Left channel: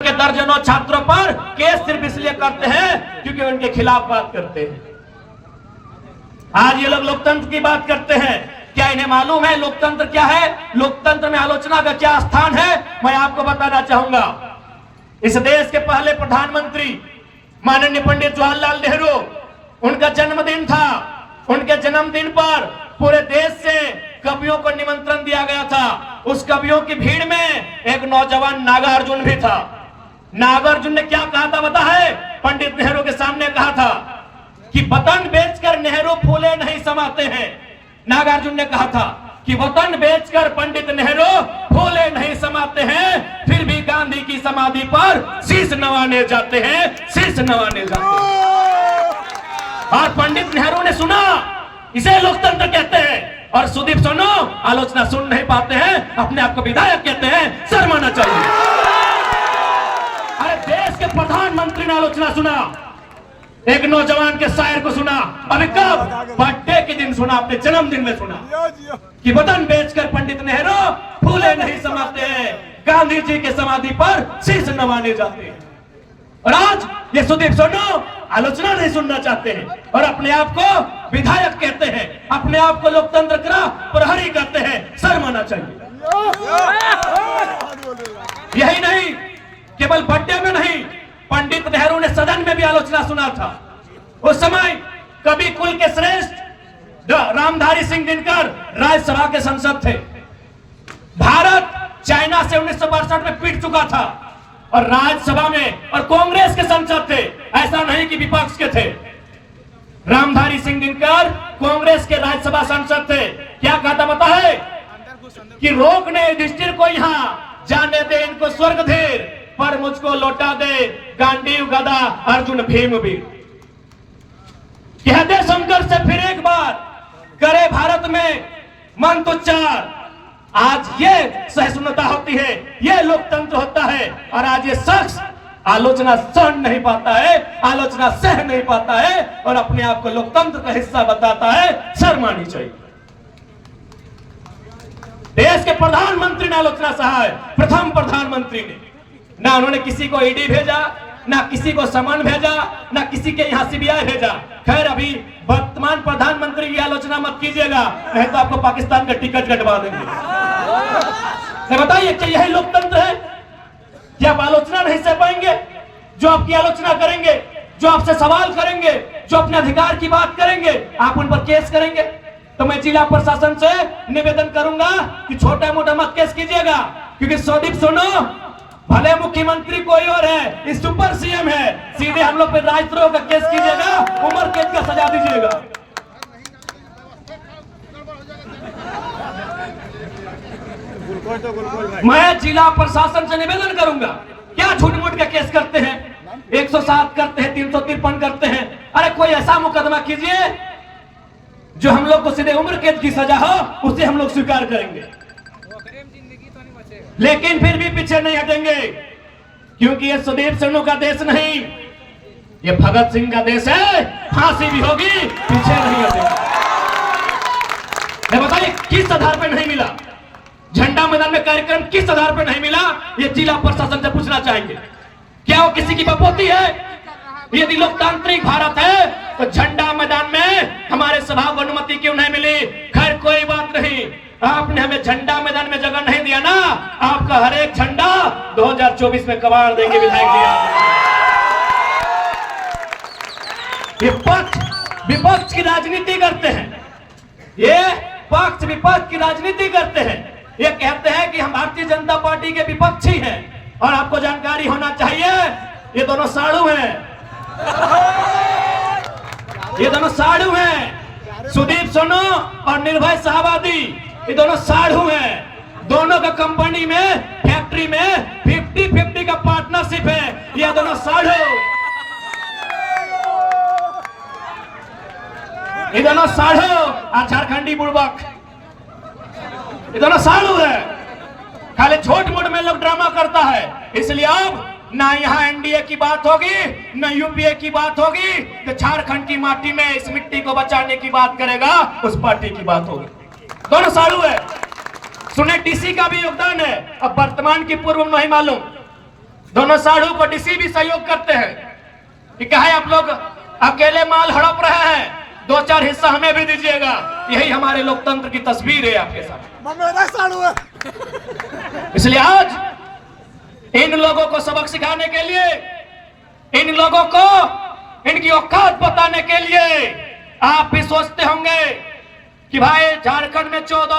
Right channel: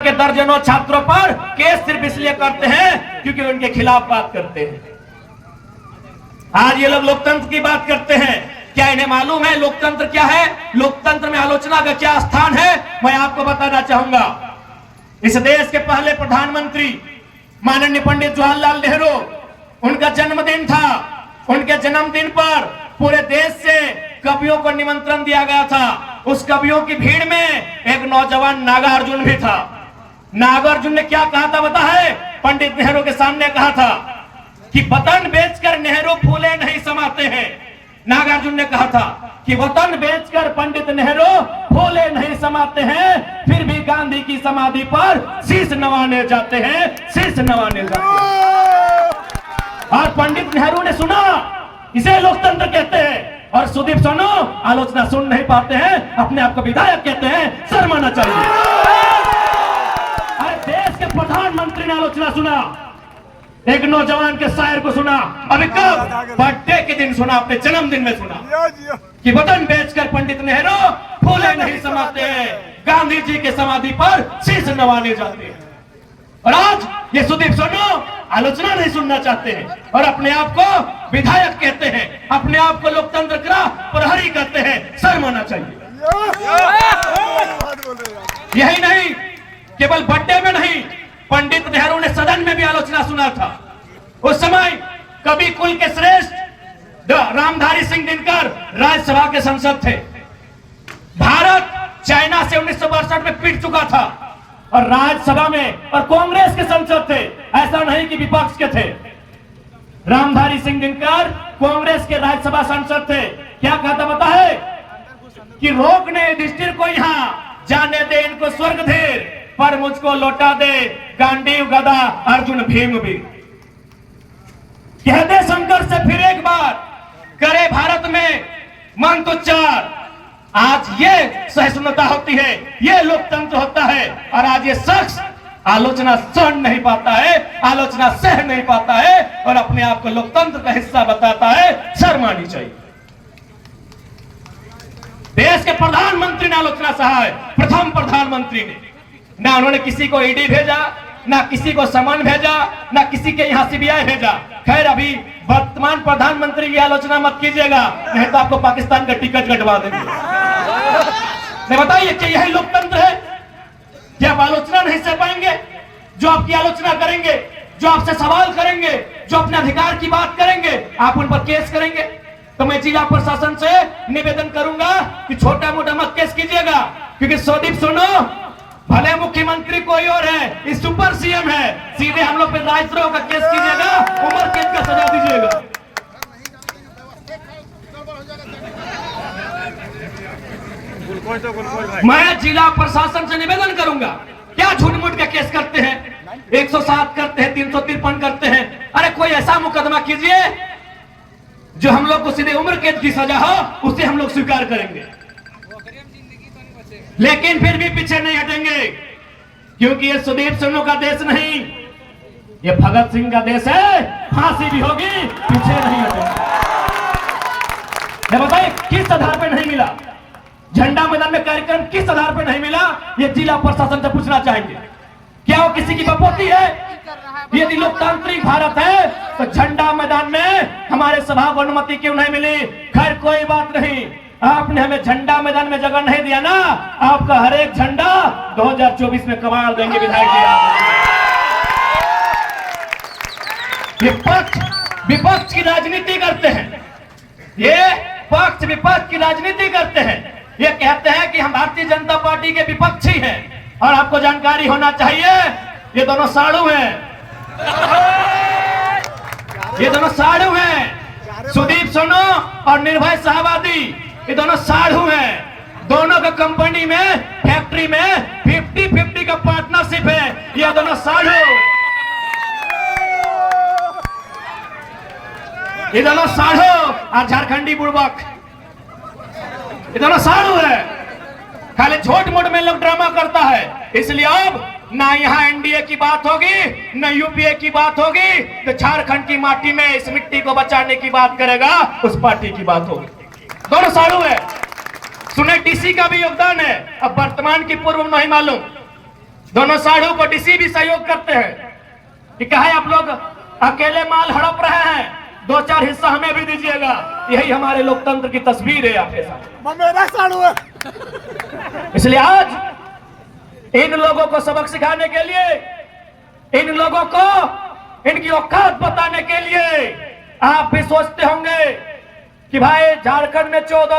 के दर्जनों छात्रों पर केस सिर्फ इसलिए करते हैं क्योंकि उनके खिलाफ बात करते हैं। आज ये लोग लोकतंत्र की बात करते हैं। क्या इन्हें मालूम है लोकतंत्र क्या है? लोकतंत्र में आलोचना का क्या स्थान है? मैं आपको बताना चाहूंगा। इस देश के पहले प्रधानमंत्री माननीय पंडित जवाहरलाल नेहरू, उनका जन्मदिन था। उनके जन्मदिन पर पूरे देश से कवियों को निमंत्रण दिया गया था। उस कवियों की भीड़ में एक नौजवान नागार्जुन भी था। नागार्जुन ने क्या कहा था पता है? पंडित नेहरू के सामने कहा था कि वतन बेचकर नेहरू फूले नहीं समाते हैं। नागार्जुन ने कहा था कि वतन बेचकर पंडित नेहरू फूले नहीं समाते हैं, फिर भी गांधी की समाधि पर शीश नवाने जाते हैं, शीश नवाने जाते हैं। और पंडित नेहरू ने सुना, इसे लोकतंत्र कहते हैं। और सुदीप सोनू आलोचना सुन नहीं पाते हैं, अपने आप को विधायक कहते हैं, शर्माना चाहिए। अरे देश के प्रधानमंत्री ने आलोचना सुना, एक नौजवान के शायर को सुना। अरे कब? बर्थडे के दिन सुना, अपने जन्मदिन में सुना कि वतन बेचकर पंडित नेहरू फूले नहीं समाते हैं, गांधी जी के समाधि पर शीश नवाने जाते हैं। और आज ये सुदीप सोनू आलोचना नहीं सुनना चाहते हैं और अपने आप को विधायक कहते हैं, अपने आप को लोकतंत्र का प्रहरी कहते हैं। शर्माना चाहिए। यही नहीं, केवल बर्थडे में नहीं, पंडित नेहरू ने सदन में भी आलोचना सुना था। उस समय कवि कुल के श्रेष्ठ रामधारी सिंह दिनकर राज्यसभा के सांसद थे। भारत चाइना से 1962 में पिट चुका था और राज्यसभा में और कांग्रेस के सांसद थे, ऐसा नहीं कि विपक्ष के थे। रामधारी सिंह दिनकर कांग्रेस के राज्यसभा सांसद थे। क्या कहा था पता है? कि रोकने युधिष्ठिर को यहाँ, जाने दे इनको स्वर्ग धीर, पर मुझको लौटा दे गांडीव गदा अर्जुन भीम भी। कह दे शंकर से फिर एक बार, करे भारत में मंत्रोच्चार। आज ये सहिष्णुता होती है, ये लोकतंत्र होता है। और आज ये शख्स आलोचना सहन नहीं पाता है, आलोचना सह नहीं पाता है और अपने आप को लोकतंत्र का हिस्सा बताता है। शर्म आनी चाहिए। देश के प्रधानमंत्री ने आलोचना सहा है, प्रथम प्रधानमंत्री ने। ना उन्होंने किसी को ईडी भेजा, ना किसी को समन भेजा, ना किसी के यहाँ सीबीआई भेजा। खैर, अभी वर्तमान प्रधानमंत्री की आलोचना मत कीजिएगा, नहीं तो आपको पाकिस्तान का टिकट कटवा देंगे। बताइए, क्या यही लोकतंत्र है? क्या आप आलोचना नहीं सह पाएंगे? जो आपकी आलोचना करेंगे, जो आपसे सवाल करेंगे, जो अपने अधिकार की बात करेंगे, आप उन पर केस करेंगे। तो मैं जिला प्रशासन से निवेदन करूंगा कि छोटा मोटा मत केस कीजिएगा, क्योंकि सुदीप सोनू भले मुख्यमंत्री कोई और है, इस सुपर सीएम है, सीधे हम लोग पे राजद्रोह का केस कीजिएगा, उम्र कैद का सजा दीजिएगा। मैं जिला प्रशासन से निवेदन करूंगा, क्या झूठ मूठ का केस करते हैं, 107 करते हैं, 353 करते हैं। अरे कोई ऐसा मुकदमा कीजिए जो हम लोग को सीधे उम्र कैद की सजा हो, उसे हम लोग स्वीकार करेंगे। लेकिन फिर भी पीछे नहीं हटेंगे, क्योंकि ये सुदीप सोनू का देश नहीं, ये भगत सिंह का देश है। फांसी भी होगी, पीछे नहीं हटेंगे। बताइए, किस आधार पर नहीं मिला? झंडा मैदान में कार्यक्रम किस आधार पर नहीं मिला? ये जिला प्रशासन से पूछना चाहिए। क्या वो किसी की बपोती है? यदि लोकतांत्रिक भारत है तो झंडा मैदान में हमारे सभा को अनुमति क्यों नहीं मिली? खैर, कोई बात नहीं, आपने हमें झंडा मैदान में जगह नहीं दिया ना, आपका हर एक झंडा 2024 में कबाड़ देंगे विधायक जी। विपक्ष की राजनीति करते हैं, ये पक्ष विपक्ष की राजनीति करते हैं। ये कहते हैं कि हम भारतीय जनता पार्टी के विपक्षी हैं। और आपको जानकारी होना चाहिए, ये दोनों साड़ू हैं, ये दोनों साड़ू हैं। सुदीप सोनू और निर्भय शाहबादी, ये दोनों साधु हैं। दोनों के कंपनी में, फैक्ट्री में 50-50 का पार्टनरशिप है। ये दोनों साधु, ये दोनों साधु और झारखंडी बुड़बक, ये दोनों साधु है। खाली छोट मोट में लोग ड्रामा करता है। इसलिए अब ना यहाँ एनडीए की बात होगी, ना यूपीए की बात होगी, तो झारखंड की माटी में इस मिट्टी को बचाने की बात करेगा, उस पार्टी की बात होगी। दोनों साधु है। सुने डीसी का भी योगदान है, अब वर्तमान की पूर्व नहीं मालूम। दोनों साढ़ू को डीसी भी सहयोग करते हैं कि कहे आप लोग अकेले माल हड़प रहे हैं, 2-4 हिस्सा हमें भी दीजिएगा। यही हमारे लोकतंत्र की तस्वीर है आपके साथ। इसलिए आज इन लोगों को सबक सिखाने के लिए, इन लोगों को इनकी औकात बताने के लिए आप भी सोचते होंगे कि भाई झारखंड में 14